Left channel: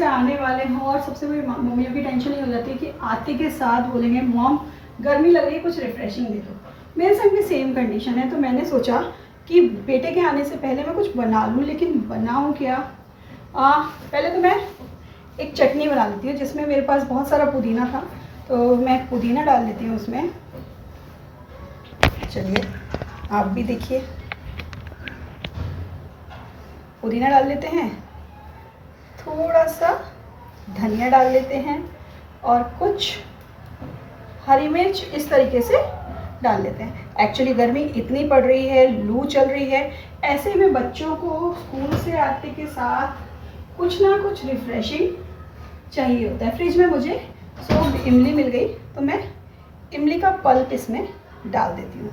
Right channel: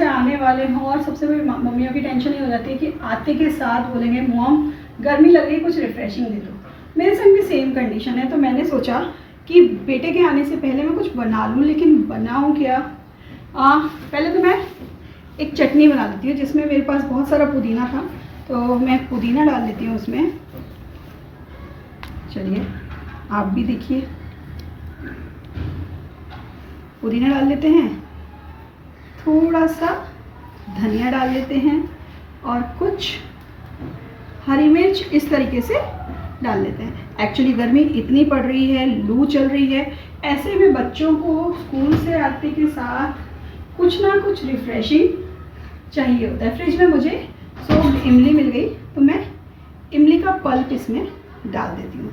से आने वाले हों और सबसे बड़ी मम्मियों की टेंशन ये हो जाती है कि आते के साथ बोलेंगे मॉम गर्मी लग रही है, कुछ रिफ्रेशिंग दे दो। मेरे संग भी सेम कंडीशन है, तो मैंने सोचा कि बेटे के आने से पहले मैं कुछ बना लूँ, लेकिन बनाऊँ क्या। पहले तो मैं एक चटनी बना लेती हूँ जिसमें मेरे पास बहुत सारा पुदीना था, तो मैं पुदीना डाल लेती हूँ उसमें। चलिए आप भी देखिए, पुदीना डाल लेते हैं, थोड़ा सा धनिया डाल लेते हैं और कुछ हरी मिर्च इस तरीके से डाल लेते हैं। एक्चुअली गर्मी इतनी पड़ रही है, लू चल रही है, ऐसे में बच्चों को स्कूल से आते के साथ कुछ ना कुछ रिफ्रेशिंग चाहिए होता है। फ्रिज में मुझे सोक्ड इमली मिल गई, तो मैं इमली का पल्प इसमें डाल देती हूँ।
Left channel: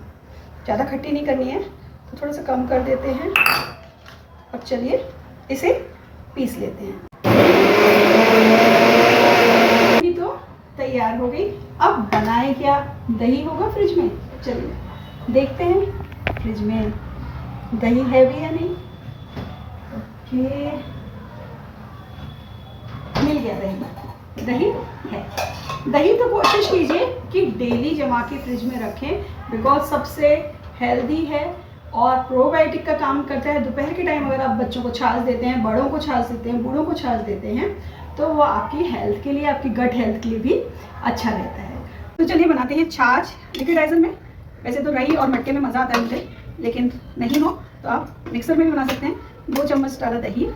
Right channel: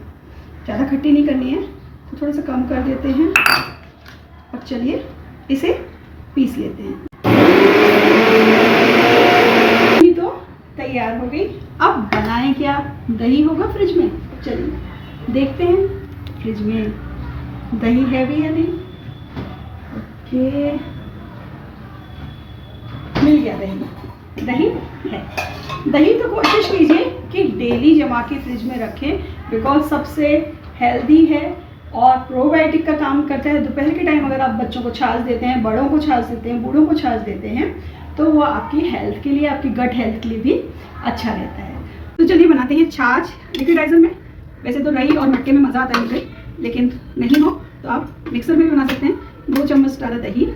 ज़्यादा खट्टी नहीं करनी है, तो थोड़ा सा कम कर देते हैं। अब चलिए इसे पीस लेते हैं। ये तो तैयार हो गई। अब बनाएं क्या, दही होगा फ्रिज में, चलिए देखते हैं फ्रिज में दही है भी या नहीं। ओके, मिल गया दही, दही है। दही तो कोशिश कीजिए कि डेली जमा के फ्रिज में रखें, बिकॉज सबसे हेल्दी है और प्रोबायोटिक का काम करता है। दोपहर के टाइम अगर आप बच्चों को छाछ देते हैं, बड़ों को छाछ देते हैं, बूढ़ों को छाछ देते हैं, तो वो आपकी हेल्थ के लिए, आपकी गट हेल्थ के लिए भी अच्छा रहता है। तो चलिए बनाते हैं छाछ लिक्विडाइजर में। वैसे तो दही और मटके में मज़ा आता है मुझे, लेकिन नहीं हो तो आप मिक्सर में भी बना सकते हैं। 2 चम्मच डाला दही।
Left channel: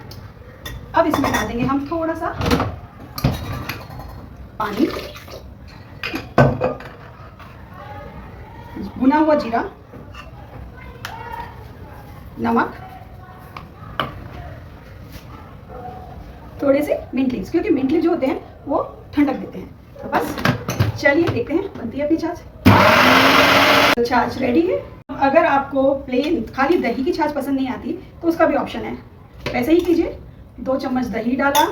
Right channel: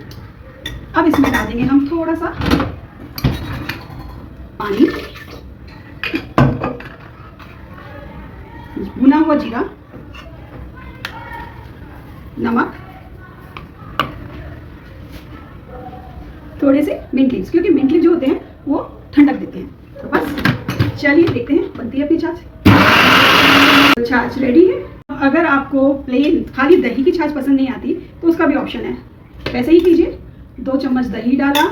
अब इसमें डाल देंगे हम थोड़ा सा पानी, भुना हुआ जीरा, नमक, थोड़े से मिंट लीव्स, क्योंकि मिंट लीव्स जो होते हैं वो ठंडक देते हैं। तो बस चलिए देखते हैं बनती है अपनी छाछ। तो छाछ रेडी है। अगर आपको प्लेन खाली दही की छाछ पसंद नहीं आती तो उसका भी ऑप्शन है, वैसे ही कीजिए। 2 चम्मच दही डाला,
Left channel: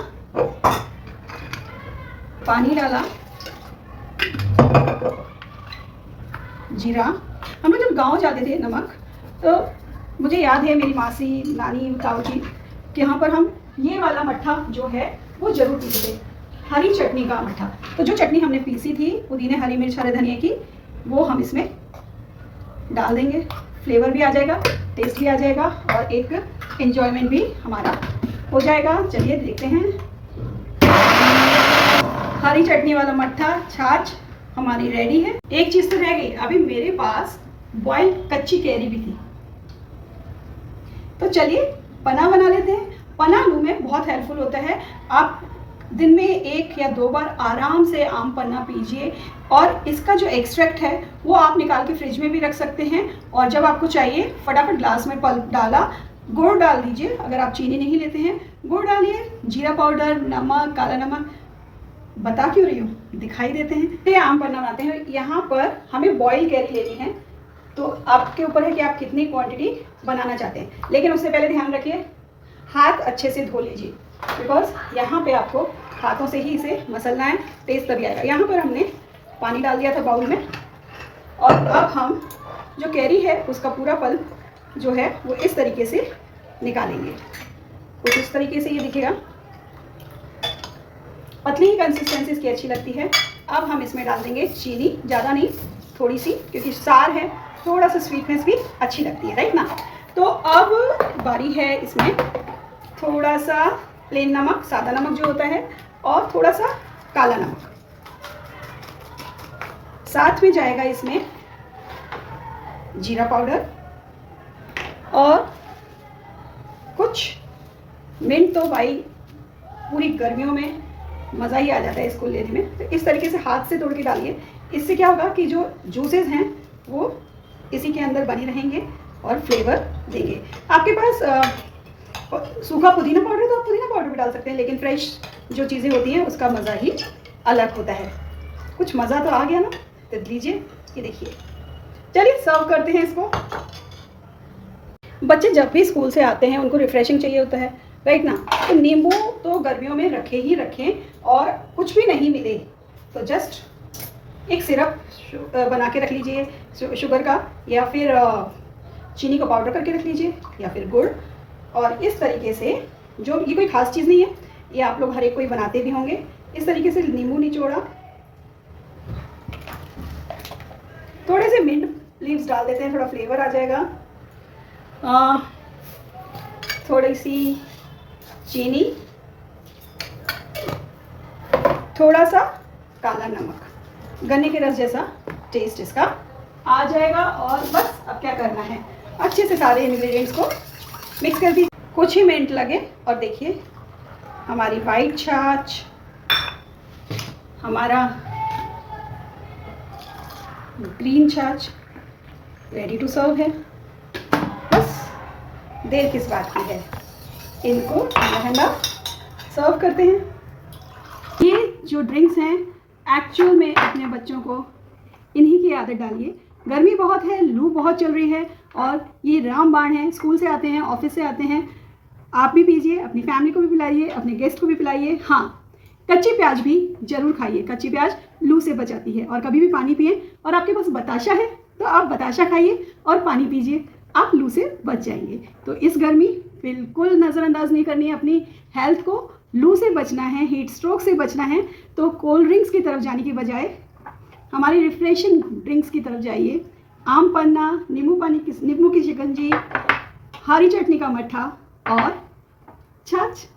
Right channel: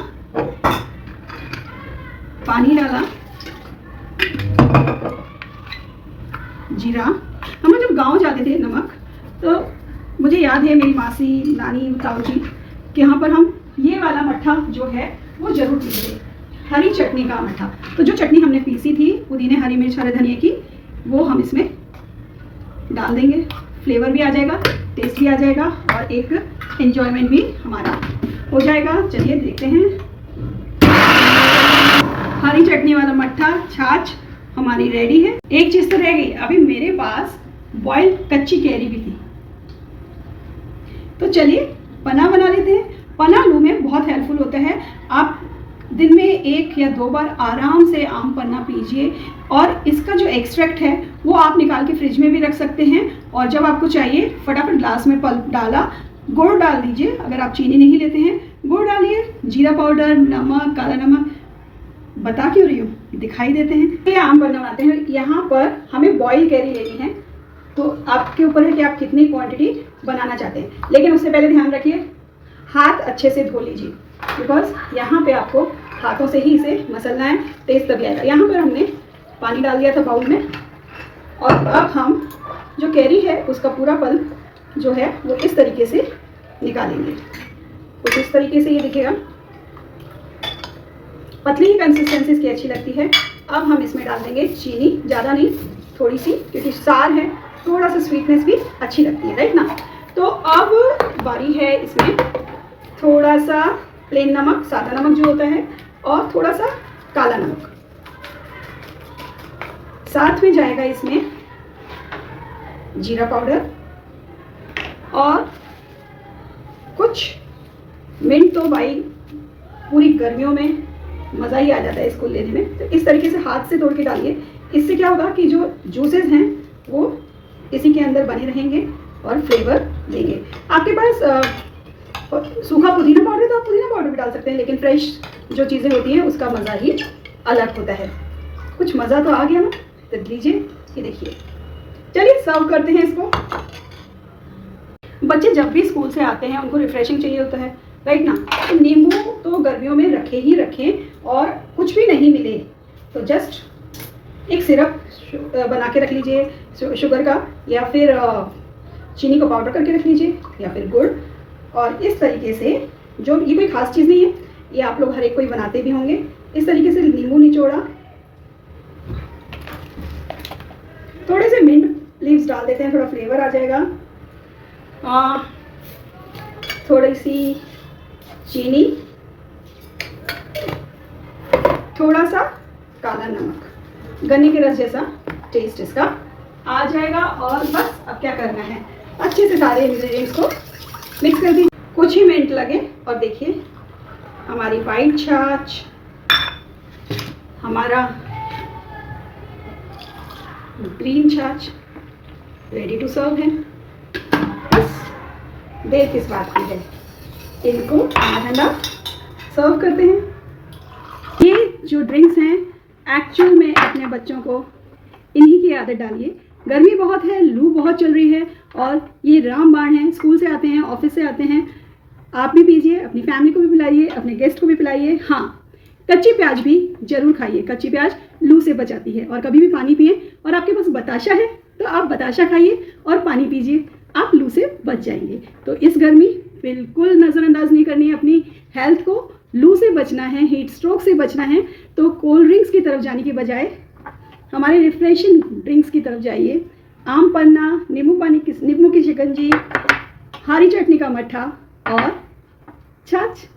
पानी डाला, जीरा। हम जब गांव जाते थे नमक, तो मुझे याद है मेरी मासी, नानी, ताऊ जी कि यहाँ पर हम ये वाला मट्ठा जो है वो जरूर पीते थे, हरी चटनी का मट्ठा। तो जो चटनी हमने पीसी थी पुदीने, हरी मिर्च, हरे धनिया की, वो हम इसमें डाल देंगे। फ्लेवर भी आ जाएगा, टेस्ट भी आ जाएगा और एक एंजॉयमेंट भी हमारा हो जाएगा। चलिए देखते हैं। हरी चटनी वाला मट्ठा छाछ हमारी रेडी है। एक चीज़ तो रह गई, अभी मेरे पास बॉइल्ड कच्ची कैरी भी थी, तो चलिए पना बना लेते हैं। पना लू में बहुत हेल्पफुल होता है। आप दिन में 1 या 2 बार आराम से आम पन्ना पीजिए, और इसका जो एक्सट्रैक्ट है वो आप निकाल के फ्रिज में भी रख सकते हैं, और जब आपको चाहिए फटाफट ग्लास में पल्प डाला, गुड़ डाल दीजिए। अगर आप चीनी नहीं लेते हैं, गुड़ डालिए, जीरा पाउडर, नमक, काला नमक, बता क्यों रही हूँ, दिखाई देते हैं। ये आम पन्ना बनाते हैं। यहाँ पर हमें बॉइल कैरी लेनी है, तो आपके ऊपर है कि आप कितनी क्वांटिटी बनाना चाहते हैं, लेकिन उससे पहले ध्यान रखिए हाथ अच्छे से धो लीजिए, बिकॉज यहाँ पे आपको हाथों से ही इसे मसलना है, टेस्ट तभी आएगा। यहाँ पर हमने पानी डाल दिया था बाउल में, और अब हम जो कैरी है उसका पूरा पल्प जो है वो इस तरीके से निकालेंगे। कुछ इस तरीके से ये दिखेगा, पतली ही कंसिस्टेंसी इसकी अच्छी लगती है। अब हम इसमें डाल देंगे चीनी, ज़्यादा नहीं, थोड़ी सी, क्योंकि सार है, थोड़ा सा स्वीटनेस भी अच्छी लगती है, राइट ना। तो अब बारी है इसमें थोड़ा सा प्लेन नमक, सादा नमक जो होता है, और थोड़ा सा काला नमक। साथ में जाएगा इसमें जीरा पाउडर, और कुछ मिंट। तो भाई पूरी गर्मियों में मज़ा ही आ जाता है इसको लेने में, तो इस तरीके से हाथ से तोड़ के डालिए। इससे क्या होगा कि जो जूसेस हैं वो इसी के अंदर बने रहेंगे और फ्लेवर देंगे। आपके पास सूखा पुदीना पाउडर तो आप पुदीना पाउडर भी डाल सकते हैं, लेकिन फ्रेश जो चीज़ें होती हैं उसका मज़ा ही अलग होता है। कुछ मज़ा तो आ गया ना, तो लीजिए, ये देखिए। चलिए सर्व करते हैं इसको। बच्चे जब भी स्कूल से आते हैं उनको रिफ्रेशिंग चाहिए होता है, राइट ना। तो नींबू तो गर्मियों में रखे ही रखें, और कुछ भी नहीं मिले तो जस्ट एक सिरप बना के रख लीजिए शुगर का, या फिर चीनी को पाउडर करके रख लीजिए, या फिर गुड़। और इस तरीके से, जो ये कोई ख़ास चीज़ नहीं है, ये आप लोग हर एक कोई बनाते भी होंगे। इस तरीके से नींबू निचोड़ा, थोड़े से मिंट लीव्स डाल देते हैं, थोड़ा फ्लेवर आ जाएगा। थोड़ी सी चीनी, थोड़ा सा काला नमक, गन्ने के रस जैसा टेस्ट इसका आ जाएगा। और बस अब क्या करना है, अच्छे से सारे इंग्रेडिएंट्स को मिक्स कर दीजिए, कुछ ही मिनट लगे और देखिए हमारी वाइट छाछ, हमारा ग्रीन छाछ रेडी टू सर्व है। बस देर किस बात की है, इनको ठंडा सर्व करते हैं। ये जो ड्रिंक्स हैं एक्चुअल में अपने बच्चों को इन्हीं की आदत डालिए। गर्मी बहुत है, लू बहुत चल रही है और ये रामबाण है, स्कूल से आते हैं, ऑफिस से आते हैं, आप भी पीजिए, अपनी फैमिली को भी पिलाइए, अपने गेस्ट को भी पिलाइए। हाँ, कच्ची प्याज भी जरूर खाइए, कच्ची प्याज लू से बचाती है। और कभी भी पानी पिए, और आपके पास बताशा है तो आप बताशा खाइए और पानी पीजिए, आप लू से बच जाएंगे। तो इस गर्मी बिल्कुल नज़रअंदाज नहीं करनी है अपनी हेल्थ को। लू से बचना है, हीट स्ट्रोक से बचना है, तो कोल्ड ड्रिंक्स की तरफ जाने की बजाय हमारे रिफ्रेशिंग ड्रिंक्स की तरफ जाइए। आम पन्ना, नींबू की शिकंजी, हरी चटनी का मट्ठा और छाछ।